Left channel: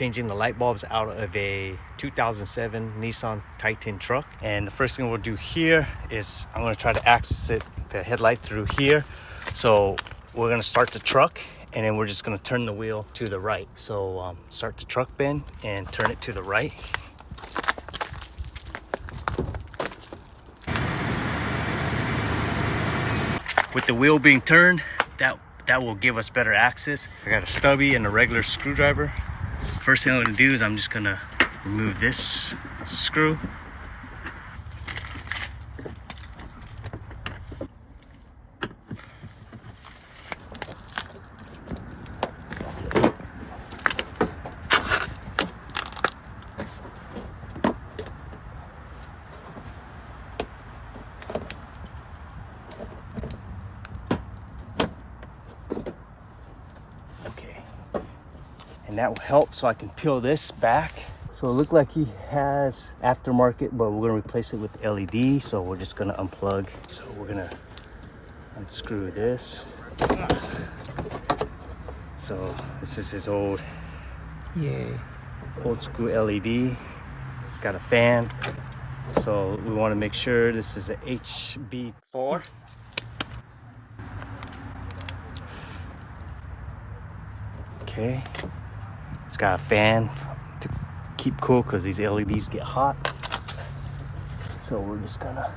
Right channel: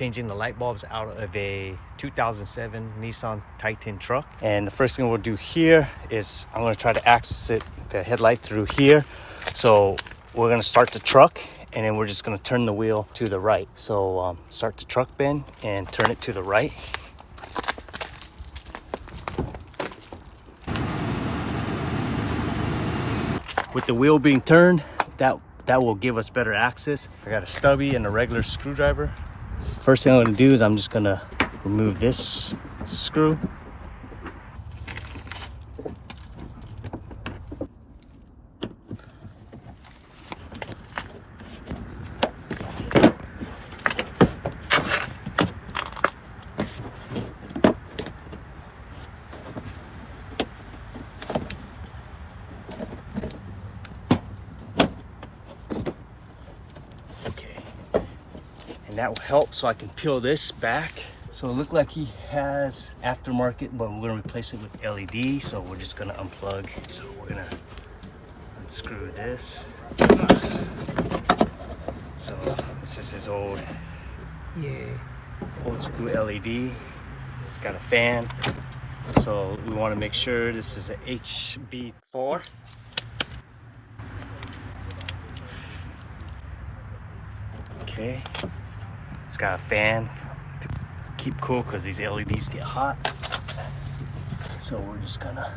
changing the light bulbs out of a 2007 Nissan Titan truck. And the first thing we'll do here is I'm going to try to access the headlight through here. So we're going to start the truck, and then we're just going to turn the wheel to the right. So start the truck bend and turn it to the right. With the wheel being turned, that will give us better access. I got a stubby and a regular screwdriver. First thing I'm going to do is I'm just going to remove this screw. And that will help so I can peel this back. So it looked like he has aftermarket, but we're gonna replace it with LED. So we're just gonna unplug. So we're gonna unscrew this. So this is his old school LED. It's got a fan. So we wanna make sure this is a HB4. Okay. It's got a fan to keep cool because these LEDs get hot. So we're just gonna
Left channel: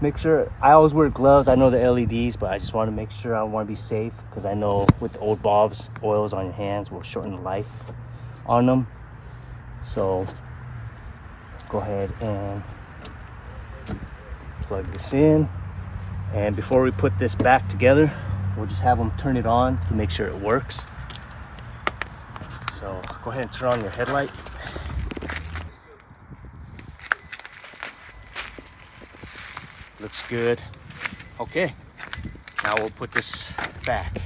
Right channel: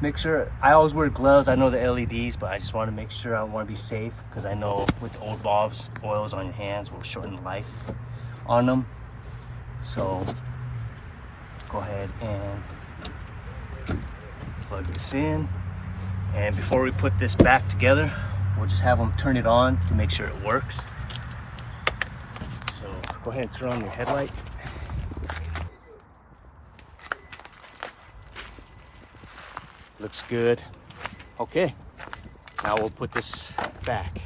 make sure. I always wear gloves. I know the LEDs, but I just want to make sure. I want to be safe because I know with the old bulbs, oils on your hands will shorten the life on them. So go ahead and plug this in. And before we put this back together, we'll just have them turn it on to make sure it works. So go ahead and turn on your headlight. Looks good. Okay, now we'll put this back.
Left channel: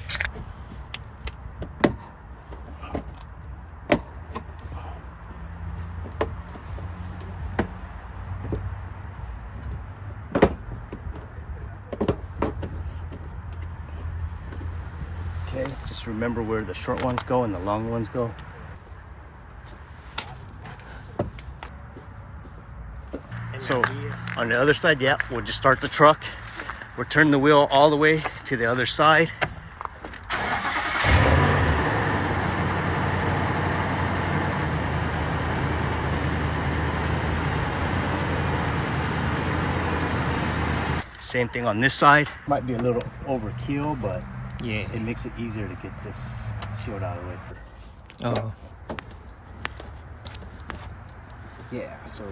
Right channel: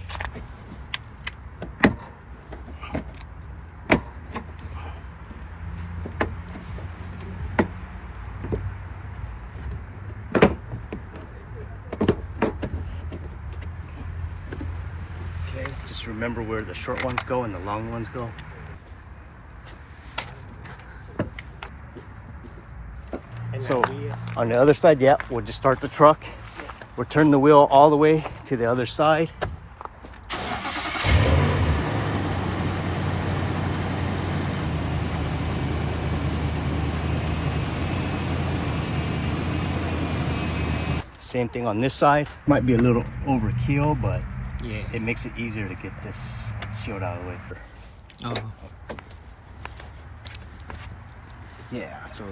Okay, just remember where the short ones go and the long ones go. So on the other side, yeah, we'll just start the truck. We'll turn the wheel all the way to the other side. Same thing on this side. Might be a little overkill, but yeah, it makes it easier to get this shield out of the way. Oh. Yeah, so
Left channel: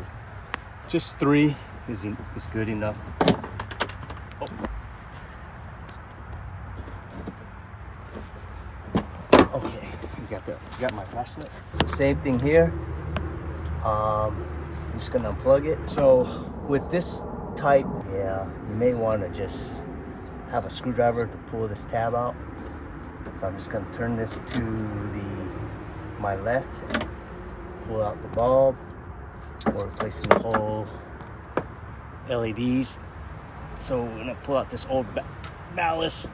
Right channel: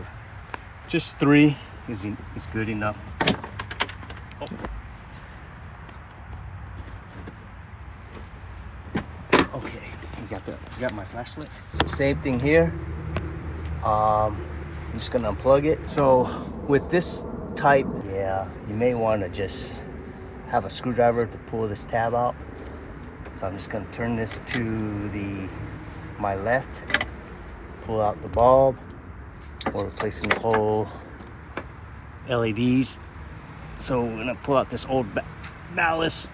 just 3 is good enough. Oh. Okay, you got that. You got my flashlight. So same thing here. I'm just gonna unplug it. So with this type, yeah, you may want to just have a screwdriver to pull this tab out. So I'm just gonna turn this to my left, pull out the bulb. We're replacing the whole LEDs. So we're gonna pull out this old ballast.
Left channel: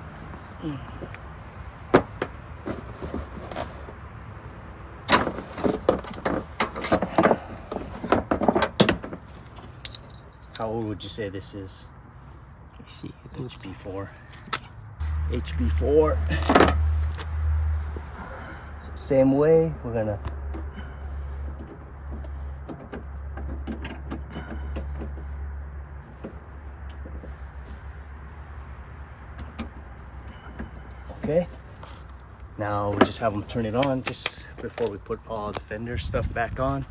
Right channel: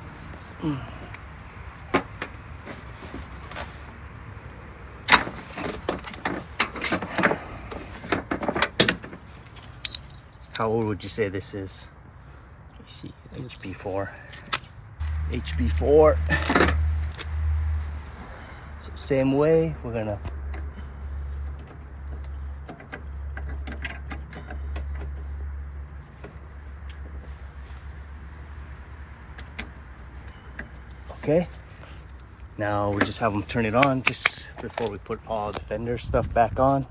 How old would you say this is? Let's see. HB4. HB4. So same way, we're gonna okay. Now we just have them turn it on just before we put all the fender stuff back on.